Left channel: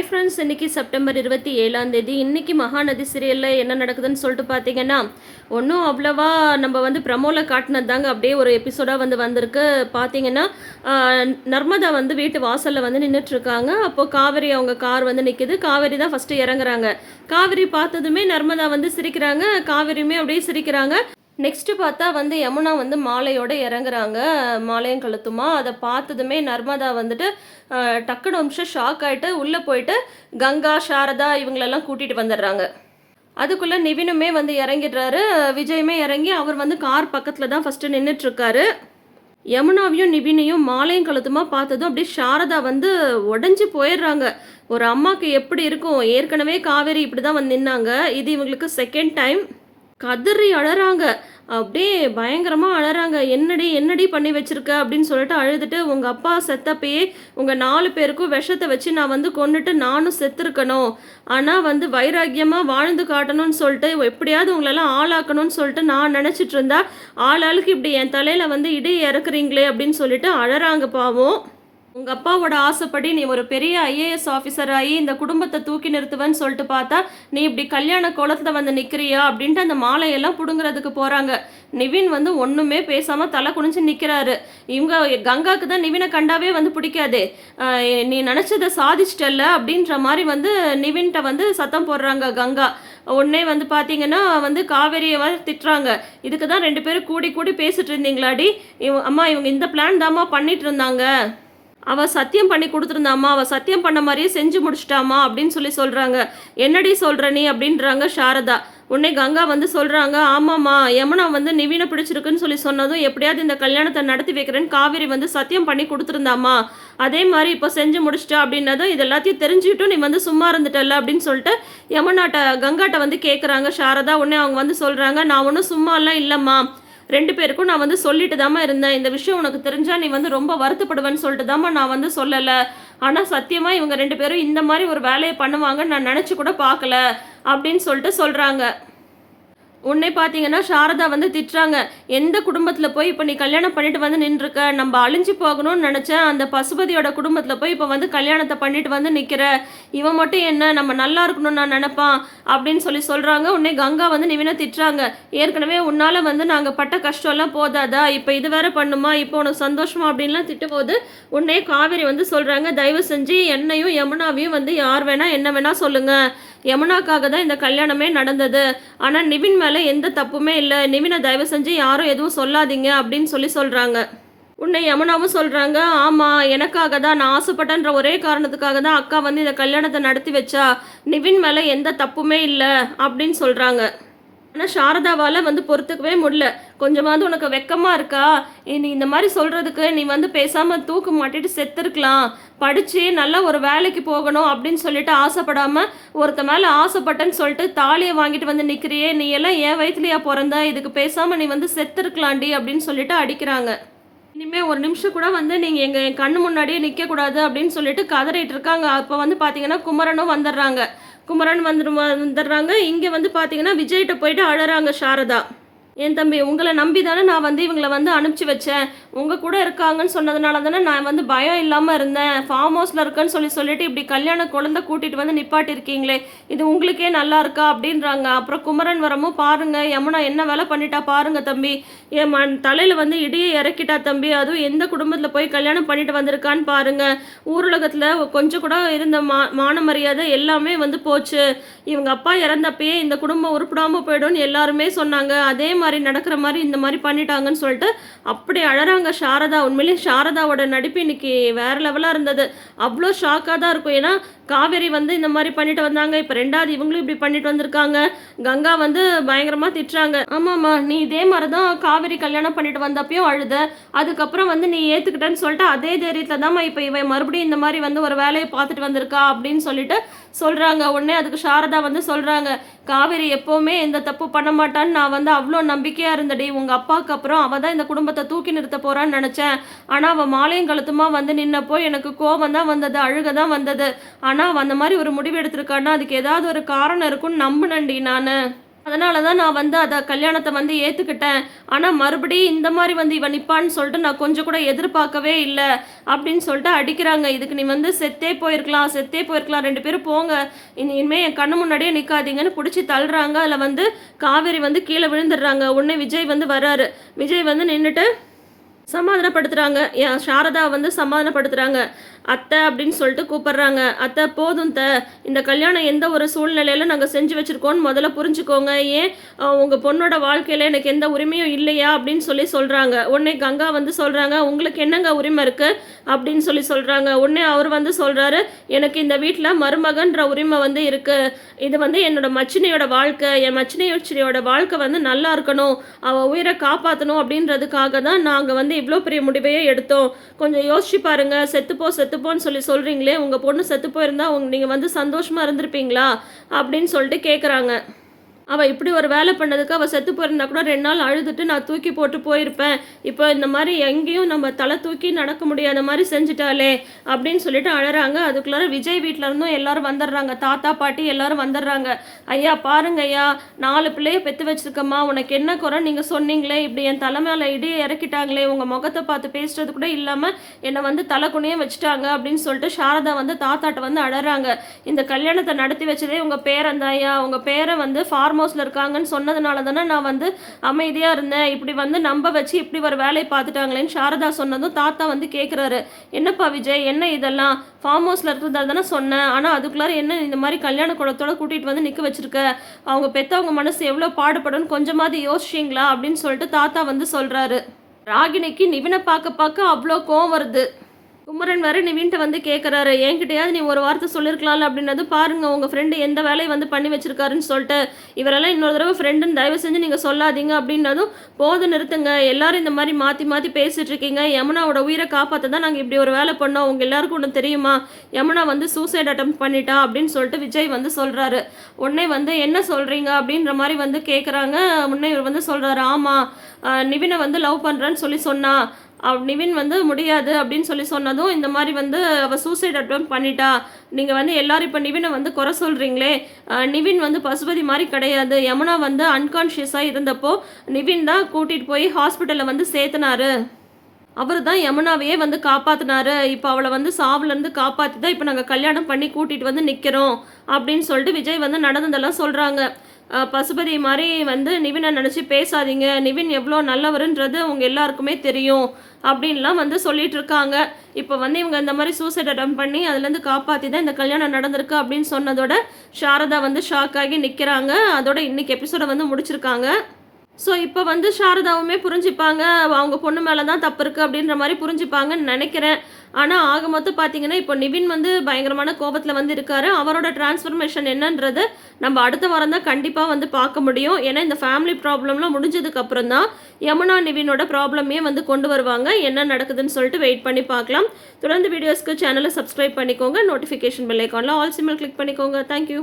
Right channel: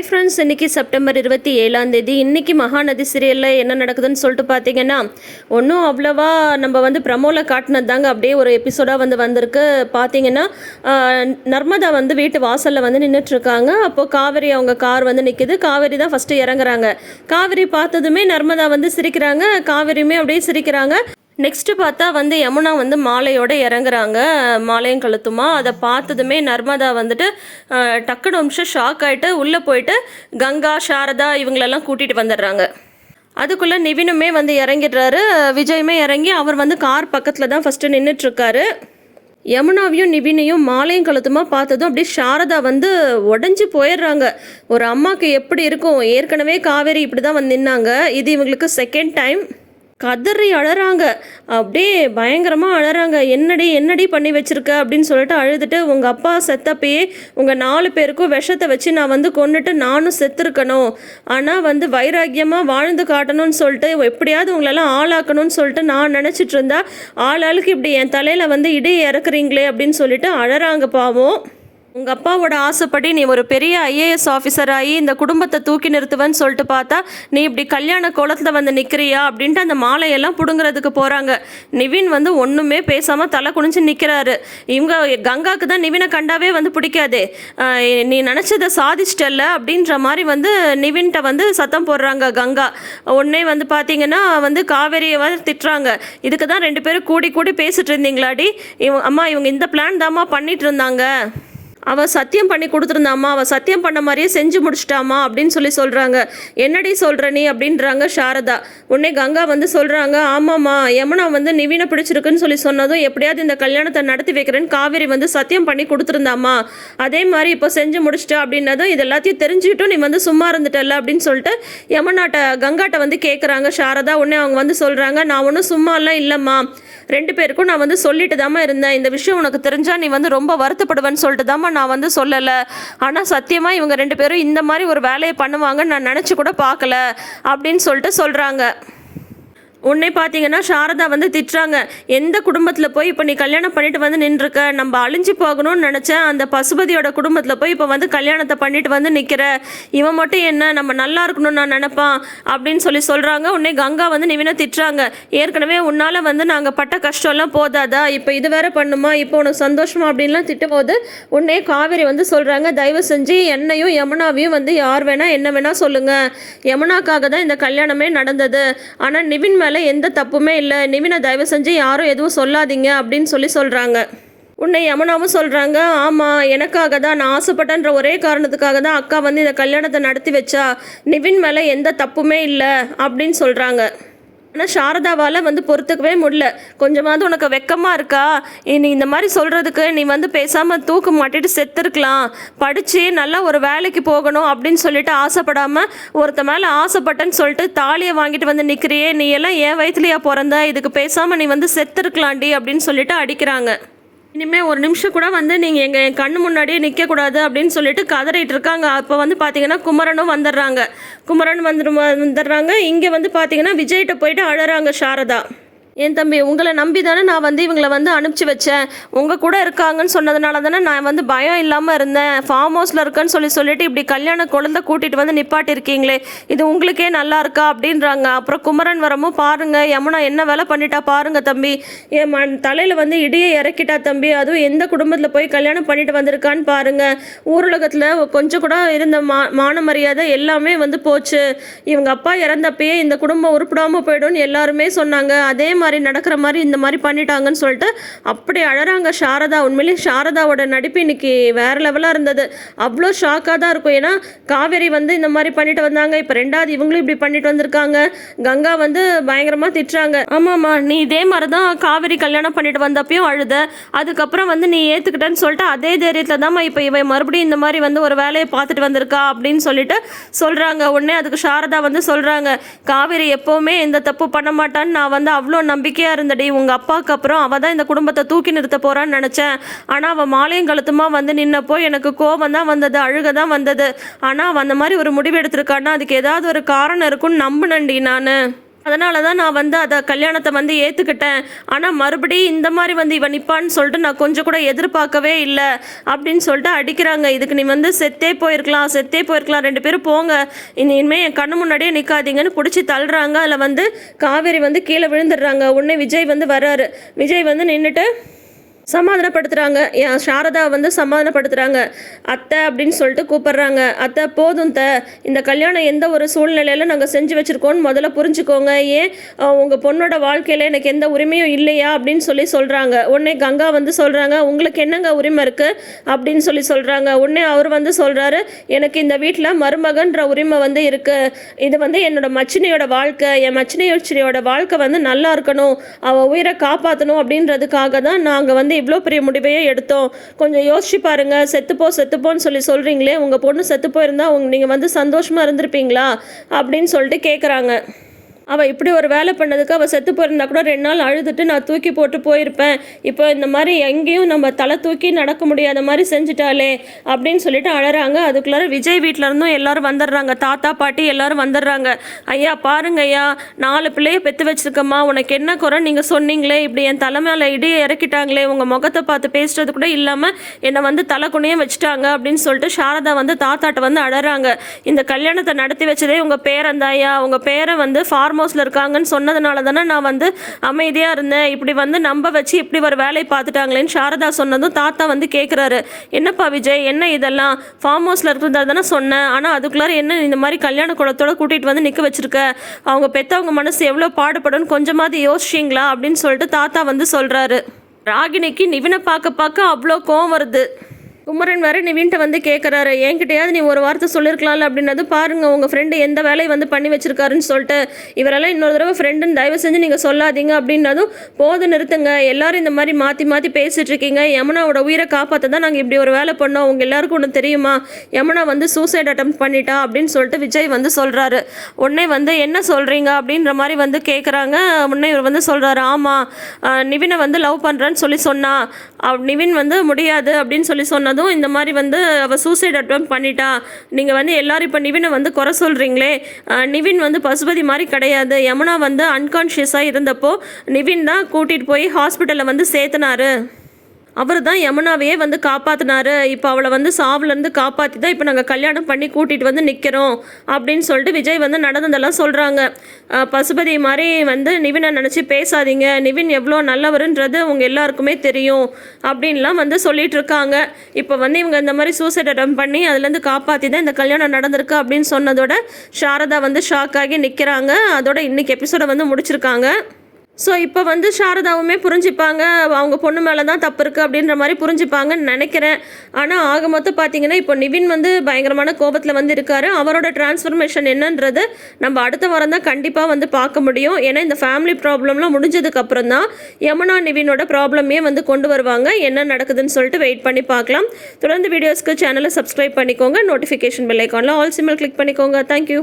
Hi friends இன்னைக்கு September இருபத்தி ஏழாம் தேதி. இன்றைக்கி மகாநதி சீரியலில் என்ன நடக்குதுன்னு சொல்லிட்டு பார்த்தீங்கன்னா ஒன்றும் அவ்வளோவா நம்ம வந்து ப்ரமோவில் காட்டினது தாங்க அப்படியே ஒரு எபிசோடாக வந்து வந்திருக்கு. பார்த்தீங்கன்னா நர்மதா வந்து வீட்டு வாசலில் வந்து நின்றுட்டுருக்காங்க அப்போது காவேரி அவங்க கார் வந்து நிற்கிது காவேரி தான் ஃபஸ்ட்டு இறங்குறாங்க. காவேரி பார்த்ததுமே நர்மதா வந்து சிரிக்கிறாங்க. காவேரியுமே அப்படியே சிரிக்கிறாங்க. நெக்ஸ்ட்டு பார்த்தா வந்து யமுனா வந்து மாலையோடு இறங்குறாங்க. மாலையும் கழுத்துமா அதை பார்த்ததுமே நர்மதா வந்துட்டு டக்குனு நிமிஷம் ஷாக் ஆகிட்டு உள்ளே போயிட்டு கங்கா சாரதா இவங்களெல்லாம் கூட்டிகிட்டு வந்துடுறாங்க. அதுக்குள்ளே நிவினுமே வந்து இறங்கிடுறாரு. விஜயுமே இறங்கி அவர் வந்து கார் பக்கத்தில் தான் ஃபஸ்ட்டு நின்றுட்டுருக்காரு யமுனாவையும் நிவினையும் மாலையும் கழுத்துமா பார்த்ததும் அப்படியே சாரதா வந்து உடஞ்சி போயிடுறாங்க. ஒரு அம்மாவுக்கு எப்படி இருக்கும்? ஏற்கனவே காவேரி இப்படி தான் வந்து நின்னாங்க. இது இவங்களுக்கு செகண்ட் டைம் கதறி அழறாங்க. அப்படியே பயங்கரமாக அழறாங்க. என்னடி என்னடி பண்ணி வச்சுருக்க? அப்படின்னு சொல்லிட்டு அழுதுட்டு உங்கள் அப்பா செத்தப்பயே உங்கள் நாலு பேருக்கும் விஷத்தை வச்சு நான் வந்து கொண்டுட்டு நானும் செத்துருக்கணும். ஆனால் வந்து வைராக்கியமாக வாழ்ந்து காட்டணும்னு சொல்லிட்டு எப்படியாவது உங்களெல்லாம் ஆளாக்கணும்னு சொல்லிட்டு நான் நினச்சிட்டு இருந்தா ஆளாளுக்கு இப்படி என் தலையில் வந்து இடையே இறக்குறீங்களே அப்படின்னு சொல்லிட்டு அழறாங்க பாவம். உங்கள் அப்பாவோட ஆசைப்படி நீ ஒரு பெரிய ஐஏஎஸ் ஆஃபீஸர் ஆகி இந்த குடும்பத்தை தூக்கி நிறுத்துவேன்னு சொல்லிட்டு பார்த்தா நீ இப்படி கல்யாண கோலத்தில் வந்து நிற்கிறியா அப்படின்ட்டு அந்த மாலையெல்லாம் பிடுங்குறதுக்கு போகிறாங்க நிவின் வந்து ஒன்றுமே பேசாமல் தலை குனிஞ்சு நிற்கிறாரு இவங்க கங்காவுக்கு தான் நிவினை கண்டாவே வந்து பிடிக்காதே. நீ நினச்சதை சாதிச்சிட்டல்ல அப்படின்ற மாதிரி வந்து நிவின்கிட்ட வந்து சத்தம் போடுறாங்க கங்கா. உடனே வந்து பார்த்தீங்கன்னா வந்து காவேரியை வந்து திட்டுறாங்க. இதுக்கு தான் ரெண்டு பேரும் கூடி கூடி பேசிட்டு இருந்தீங்களாடி? இவங்க அம்மா இவங்க இந்த பிளான் தாம்மா பண்ணிட்டு இருந்தாங்க. அவள் சத்தியம் பண்ணி கொடுத்துருந்தாம்மா அவள் சத்தியம் பண்ண மாதிரியே செஞ்சு முடிச்சிட்டாமா அப்படின்னு சொல்லி சொல்கிறாங்க என்னடி சொல்கிற நீ அப்படின்றாங்க சாரதா. உடனே கங்கா வந்து சொல்கிறாங்க ஆமாம்மா யமுனா வந்து நிவினை பிடிச்சிருக்குன்னு சொல்லி சொன்னதும் எப்படியாவது இந்த கல்யாணத்தை நடத்தி வைக்கிறேன்னு காவேரி வந்து சத்தியம் பண்ணி கொடுத்துருந்தாம்மா. அதே மாதிரி இப்போ செஞ்சு முடிச்சிட்டா அப்படின்னதும் இது எல்லாத்தையும் தெரிஞ்சுக்கிட்டும் நீ வந்து சும்மா இருந்துட்டல்ல அப்படின்னு சொல்லிட்டு யமுனாட்ட கங்காட்ட வந்து கேட்குறாங்க சாரதா. உடனே அவங்க வந்து சொல்கிறாங்க நான் ஒன்றும் சும்மாலாம் இல்லைம்மா. ரெண்டு பேருக்கும் நான் வந்து சொல்லிட்டு தாம்மா இருந்தேன். இந்த விஷயம் உனக்கு தெரிஞ்சால் நீ வந்து ரொம்ப வருத்தப்படுவேன்னு சொல்லிட்டு தாம்மா நான் வந்து சொல்லலை. ஆனால் சத்தியமாக இவங்க ரெண்டு பேரும் இந்த மாதிரி ஒரு வேலையை பண்ணுவாங்கன்னு நான் நினச்சி கூட பார்க்கல. அப்படின்னு சொல்லிட்டு சொல்கிறாங்க உன்னை பார்த்தீங்கன்னா சாரதா வந்து திட்டுறாங்க. எந்த குடும்பத்தில் போய் இப்போ நீ கல்யாணம் பண்ணிட்டு வந்து நின்றுருக்க? நம்ம அழிஞ்சு போகணும்னு நினச்சேன் அந்த பசுபதியோட குடும்பத்தில் போய் இப்போ வந்து கல்யாணத்தை பண்ணிட்டு வந்து நிற்கிற இவன் மட்டும் என்ன? நம்ம நல்லா இருக்கணும்னு நான் நினப்பான். அப்படின்னு சொல்லி சொல்கிறாங்க உன்னை கங்கா வந்து நிவினா திட்டுறாங்க. ஏற்கனவே உன்னால் வந்து நாங்கள் பட்ட கஷ்டம்லாம் போதாதா? இப்போ இது வேற பண்ணுமா? இப்போ உனக்கு சந்தோஷமா? அப்படின்லாம் திட்டும் போது உன்னை காவேரி வந்து சொல்கிறாங்க தயவு செஞ்சு என்னையும் யமுனாவையும் வந்து யார் வேணால் என்ன வேணால் சொல்லுங்கள் யமுனாக்காக தான் இந்த கல்யாணமே நடந்தது. ஆனால் நிவின் மேலே எந்த தப்புமே இல்லை. நிவினை தயவு செஞ்சு யாரும் எதுவும் சொல்லாதீங்க அப்படின்னு சொல்லி சொல்கிறாங்க உன்னை யமுனாவும் சொல்கிறாங்க ஆமாம் எனக்காக தான். நான் ஆசைப்பட்டேன்ற ஒரே காரணத்துக்காக தான் அக்கா வந்து இந்த கல்யாணத்தை நடத்தி வச்சா. நிவின் மேலே எந்த தப்புமே இல்லை அப்படின்னு சொல்கிறாங்க ஆனால் சாரதாவால் வந்து பொறுத்துக்கவே முடியல. கொஞ்சமாவது உனக்கு வெக்கமாக இருக்கா? நீ இந்த மாதிரி சொல்கிறதுக்கு நீ வந்து பேசாமல் தூக்க மாட்டிட்டு செத்துருக்கலாம். படித்து நல்லா ஒரு வேலைக்கு போகணும் அப்படின்னு சொல்லிட்டு ஆசைப்படாமல் ஒருத்த மேலே ஆசைப்பட்டேன்னு சொல்லிட்டு தாலியை வாங்கிட்டு வந்து நிற்கிறியே நீ எல்லாம் என் வயிற்றுலையா பிறந்த? இதுக்கு பேசாமல் நீ வந்து செத்துருக்கலாண்டி அப்படின்னு சொல்லிட்டு அடிக்கிறாங்க. இனிமேல் ஒரு நிமிஷம் கூட வந்து நீங்கள் எங்கள் என் கண்ணு முன்னாடியே நிற்கக்கூடாது அப்படின்னு சொல்லிட்டு கதறிட்டு இருக்காங்க. அப்போ வந்து பார்த்தீங்கன்னா குமரனும் வந்துடுறாங்க. குமரன் வந்துடு வந்துடுறாங்க. இங்கே வந்து பார்த்தீங்கன்னா விஜய்கிட்ட போயிட்டு அழறாங்க சாரதா. என் தம்பி உங்களை நம்பி தானே நான் வந்து இவங்களை வந்து அனுப்பிச்சி வச்சேன். உங்கள் கூட இருக்காங்கன்னு சொன்னதுனால தானே நான் வந்து பயம் இல்லாமல் இருந்தேன். ஃபார்ம் ஹவுஸில் இருக்கேன்னு சொல்லி சொல்லிட்டு இப்படி கல்யாண குழந்தை கூட்டிகிட்டு வந்து நிப்பாட்டிருக்கீங்களே இது உங்களுக்கே நல்லா இருக்கா அப்படின்றாங்க. அப்புறம் குமரன் வரமும் பாருங்கள் யமுனா என்ன வேலை பண்ணிட்டா பாருங்கள் தம்பி. என் மண் தலையில் வந்து இடியை இறக்கிட்டா தம்பி அதுவும் எந்த குடும்பத்தில் போய் கல்யாணம் பண்ணிட்டு வந்திருக்கான்னு பாருங்கள் ஊரலகத்தில் கொஞ்சம் கூட இருந்த மா மான மரியாதை எல்லாமே வந்து போச்சு. இவங்க அப்பா இறந்தப்பயே இந்த குடும்பம் உருப்பிடாமல் போயிடும்னு எல்லாருமே சொன்னாங்க. அதே மாதிரி நடக்கிற மாதிரி இந்த மாதிரி பண்ணிட்டாங்கன்னு சொல்லிட்டு அப்படி அழறாங்க சாரதா. உண்மையிலேயே சாரதாவோட நடிப்பு இன்னைக்கு வேற லெவலாக இருந்தது. அவ்வளோ ஷாக்காக தான் இருக்கும். ஏன்னா காவேரி வந்து இந்த மாதிரி பண்ணிட்டு வந்தாங்க. இப்போ ரெண்டாவது இவங்களும் இப்படி பண்ணிட்டு வந்திருக்காங்க. கங்கா வந்து பயங்கரமாக திட்டுறாங்க. ஆமாம்மா நீ இதே மாதிரி தான் காவேரி கல்யாணம் பண்ணிட்டு வந்தப்பயும் அழுத. அதுக்கப்புறம் வந்து நீ ஏற்றுக்கிட்டேன்னு சொல்லிட்டு அதே தைரியத்தில் தான்மா இப்போ இவன் மறுபடியும் இந்த மாதிரி வந்து ஒரு வேலையை பார்த்துட்டு வந்திருக்கா அப்படின்னு சொல்லிட்டு சொல்கிறாங்க உடனே அதுக்கு சாரதா வந்து சொல்கிறாங்க காவேரி எப்போவுமே எந்த தப்பு பண்ண மாட்டான்னு நான் வந்து அவ்வளோ நம்பிக்கையாக இருந்தடி உங்கள் அப்பாவுக்கு அப்புறம் அவள் தான் இந்த குடும்பத்தை தூக்கி நிறுத்த போகிறான்னு நினச்சேன். ஆனால் அவள் மாலையும் கழுத்துமா வந்து நின்னப்போ எனக்கு கோபம் தான் வந்தது அழுக தான் வந்தது. ஆனால் அவள் அந்த மாதிரி ஒரு முடிவு எடுத்திருக்கான்னா அதுக்கு ஏதாவது ஒரு காரணம் இருக்கும்னு நம்பினண்டி நான். அதனால தான் நான் வந்து அதை கல்யாணத்தை வந்து ஏற்றுக்கிட்டேன் ஆனால் மறுபடியும் இந்த மாதிரி வந்து இவன் நிற்பான்னு சொல்லிட்டு நான் கொஞ்சம் கூட எதிர்பார்க்கவே இல்லை அப்படின்னு சொல்லிட்டு அடிக்கிறாங்க. இதுக்கு நீ வந்து செத்தே போயிருக்கலாம் செத்தே போயிருக்கலாம். ரெண்டு பேரும் போங்க. இனிமேல் என் கண்ணு முன்னாடியே நிற்காதீங்கன்னு பிடிச்சி தள்ளுறாங்க. அதில் வந்து காவேரி வந்து கீழே விழுந்துடுறாங்க. உடனே விஜய் வந்து வர்றாரு. விஜய் வந்து நின்றுட்டு சமாதானப்படுத்துகிறாங்க என் சாரதா வந்து சமாதானப்படுத்துகிறாங்க அத்தை அப்படின்னு சொல்லிட்டு கூப்பிட்றாங்க. அத்தை போதும் த இந்த கல்யாணம் எந்த ஒரு சூழ்நிலையில் நாங்கள் செஞ்சு வச்சுருக்கோன்னு முதல்ல புரிஞ்சுக்கோங்க. ஏன் உங்கள் பொண்ணோட வாழ்க்கையில் எனக்கு எந்த உரிமையும் இல்லையா அப்படின்னு சொல்லி சொல்கிறாங்க உடனே கங்கா வந்து சொல்கிறாங்க உங்களுக்கு என்னங்க உரிமை இருக்குது அப்படின்னு சொல்லி சொல்கிறாங்க உடனே அவர் வந்து சொல்கிறாரு எனக்கு இந்த வீட்டில் மருமகன்ற உரிமை வந்து இருக்குது இது வந்து என்னோட மச்சினையோட வாழ்க்கை. என் மச்சினையோட வாழ்க்கை வந்து நல்லா இருக்கணும். அவள் உயிரை காப்பாற்றணும் அப்படின்றதுக்காக தான் நாங்கள் வந்து இவ்வளோ பெரிய முடிவையே எடுத்தோம். கொஞ்சம் யோசிச்சு பாருங்கள் செத்துப்போ செத்துப்போன்னு சொல்லி சொல்கிறீங்களே உங்கள் பொண்ணு செத்து போயிருந்தா உங்க நீங்கள் வந்து சந்தோஷமாக இருந்திருப்பீங்களா? அப்படின்னு சொல்லிட்டு கேட்குறாங்க அவள் இப்படி ஒரு வேலை பண்ணதுக்கு அவள் செத்து போயிருந்தா கூட ரெண்டு நாள் அழுதுட்டு நான் தூக்கி போட்டு போயிருப்பேன். இப்போ இந்த மாதிரி எங்கேயும் நம்ம தலை தூக்கி நடக்க முடியாத மாதிரி செஞ்சுட்டாலே அப்படின்னு சொல்லிட்டு அழறாங்க. அதுக்குள்ளார விஜய் வீட்டில் இருந்தும் எல்லாரும் வந்துடுறாங்க. தாத்தா பாட்டி எல்லாரும் வந்துடுறாங்க. ஐயா பாருங்க ஐயா நாலு பிள்ளைய பெற்று வச்சிருக்கம்மா. உனக்கு என்ன குறை? நீங்கள் சொன்னீங்களே. இப்படி என் தலை மேலே இடியை இறக்கிட்டாங்களே. உங்கள் முகத்தை பார்த்து பேசுறது கூட இல்லாமல் என்னை வந்து தலை வச்சுட்டாங்க அப்படின்னு சொல்லிட்டு சாரதா வந்து தாத்தாட்ட வந்து அழறாங்க. இந்த கல்யாணத்தை நடத்தி வச்சதே உங்கள் பேரன் தான் ஐயா. உங்கள் பேரை வந்து ஃபார்ம் ஹவுஸில் இருக்காங்கன்னு சொன்னதுனால தானே நான் வந்து அமைதியாக இருந்தேன். இப்படி வந்து நம்ப வச்சு இப்படி ஒரு வேலையை பார்த்துட்டாங்களேன்னு சாரதா சொன்னதும் தாத்தா வந்து கேட்குறாரு என்னப்பா விஜய் என்ன இதெல்லாம்? ஃபார்ம் ஹவுஸில் இருக்கிறதா தானே சொன்னேன். ஆனால் அதுக்குள்ளார என்ன இந்த மாதிரி கல்யாண குளத்தோட கூட்டிகிட்டு வந்து நிற்க வச்சிருக்க? அவங்க பெற்றவங்க மனசு எவ்வளோ பாடுபடும் கொஞ்சமாவது யோசிச்சிங்களா? அப்படின்னு சொல்லிட்டு தாத்தா வந்து சொல்கிறாரு ராகினிக்கு நிவினை பார்க்க பார்க்க அவ்வளோ கோவம் வருது. குமரன் வேற நிவின்ட்ட வந்து கேட்குறாரு என்கிட்டயாவது நீ ஒரு வார்த்தை சொல்லியிருக்கலாம்ல அப்படின்னது பாருங்க உங்கள் ஃப்ரெண்டு எந்த வேலையை வந்து பண்ணி வச்சிருக்காருன்னு சொல்லிட்டு. இவரெல்லாம் இன்னொரு தடவை ஃப்ரெண்டுன்னு தயவு செஞ்சு நீங்கள் சொல்லாதீங்க அப்படின்னதும் போது நிறுத்துங்க. எல்லாரும் இந்த மாதிரி மாற்றி மாற்றி பேசிகிட்டு இருக்கீங்க. யமுனாவோட உயிரை காப்பாற்ற தான் நாங்கள் இப்படி ஒரு வேலை பண்ணோம். உங்கள் எல்லாருக்கும் ஒன்று தெரியுமா? யமுனா வந்து சூசைட் அட்டம் பண்ணிட்டா அப்படின்னு சொல்லிட்டு விஜய் வந்து சொல்கிறாரு உடனே வந்து என்ன சொல்கிறீங்க அப்படின்ற மாதிரி வந்து கேட்குறாங்க உடனே இவர் வந்து சொல்கிறாரு ஆமாம் நிவினை வந்து லவ் பண்ணுறேன்னு சொல்லி சொன்னா. நிவின் வந்து முடியாது அப்படின்னு சொல்லி சொன்னதும் இந்த மாதிரி வந்து அவள் சூசைட் அட்டம் பண்ணிட்டா. நீங்கள் வந்து எல்லாரும் இப்போ நிவினை வந்து குறை சொல்கிறீங்களே நிவின் வந்து பசுபதி மாதிரி கிடையாது. யமுனா வந்து அன்கான்ஷியஸாக இருந்தப்போ நிவின் தான் கூட்டிகிட்டு போய் ஹாஸ்பிட்டலில் வந்து சேர்த்துனாரு. அவர் தான் யமுனாவையே வந்து காப்பாற்றினாரு இப்போ அவளை வந்து சாவுலேருந்து காப்பாற்றி தான் இப்போ நாங்கள் கல்யாணம் பண்ணி கூட்டிகிட்டு வந்து நிற்கிறோம் அப்படின்னு சொல்லிட்டு விஜய் வந்து நடந்ததெல்லாம் சொல்கிறாங்க பசுபதி மாதிரி வந்து நிவினை நினச்சி பேசாதீங்க. நிவின் எவ்வளோ நல்லவருன்றது உங்கள் எல்லாருக்குமே தெரியும் அப்படின்லாம் வந்து சொல்லிட்டு இருக்காங்க. இப்போ வந்து இவங்க இந்த மாதிரி சூசைட் அட்டம் பண்ணி அதுலேருந்து காப்பாற்றி தான் இந்த கல்யாணம் நடந்திருக்கு அப்படின்னு சொன்னதோட சாரதா வந்து ஷாக் ஆகி நிற்கிறாங்க அதோட இன்னைக்கு எபிசோடை வந்து முடிச்சிருக்காங்க. ஸோ இப்போ வந்து சாரதாவுமே புரிஞ்சுப்பாங்க அவங்க பொண்ணு மேலே தான் தப்பு இருக்குது அப்படின்ற மாதிரி புரிஞ்சுப்பாங்கன்னு நினைக்கிறேன். ஆனால் ஆக மொத்தம் பார்த்தீங்கன்னா இப்போ நிவின் வந்து பயங்கரமான கோபத்தில் வந்து இருக்கார். அவரோட டிரான்ஸ்ஃபர்மேஷன் என்னன்றது நம்ம அடுத்த வாரம் தான் கண்டிப்பாக வந்து பார்க்க முடியும். ஏன்னா இந்த ஃபேமிலி ப்ராப்ளம்லாம் முடிஞ்சதுக்கப்புறம் தான் யமுனா நிவினோட ப்ராப்ளமே வந்து கொண்டு வருவாங்க. என்ன நடக்குதுன்னு சொல்லிட்டு வெயிட் பண்ணி பார்க்கலாம். தொடர்ந்து வீடியோஸ்க்கு சேனலை சப்ஸ்கிரைப் பண்ணிக்கோங்க. நோட்டிஃபிகேஷன் பெல் ஐக்கானில் ஆல் சிம்மல் கிளிக் பண்ணிக்கோங்க. Thank you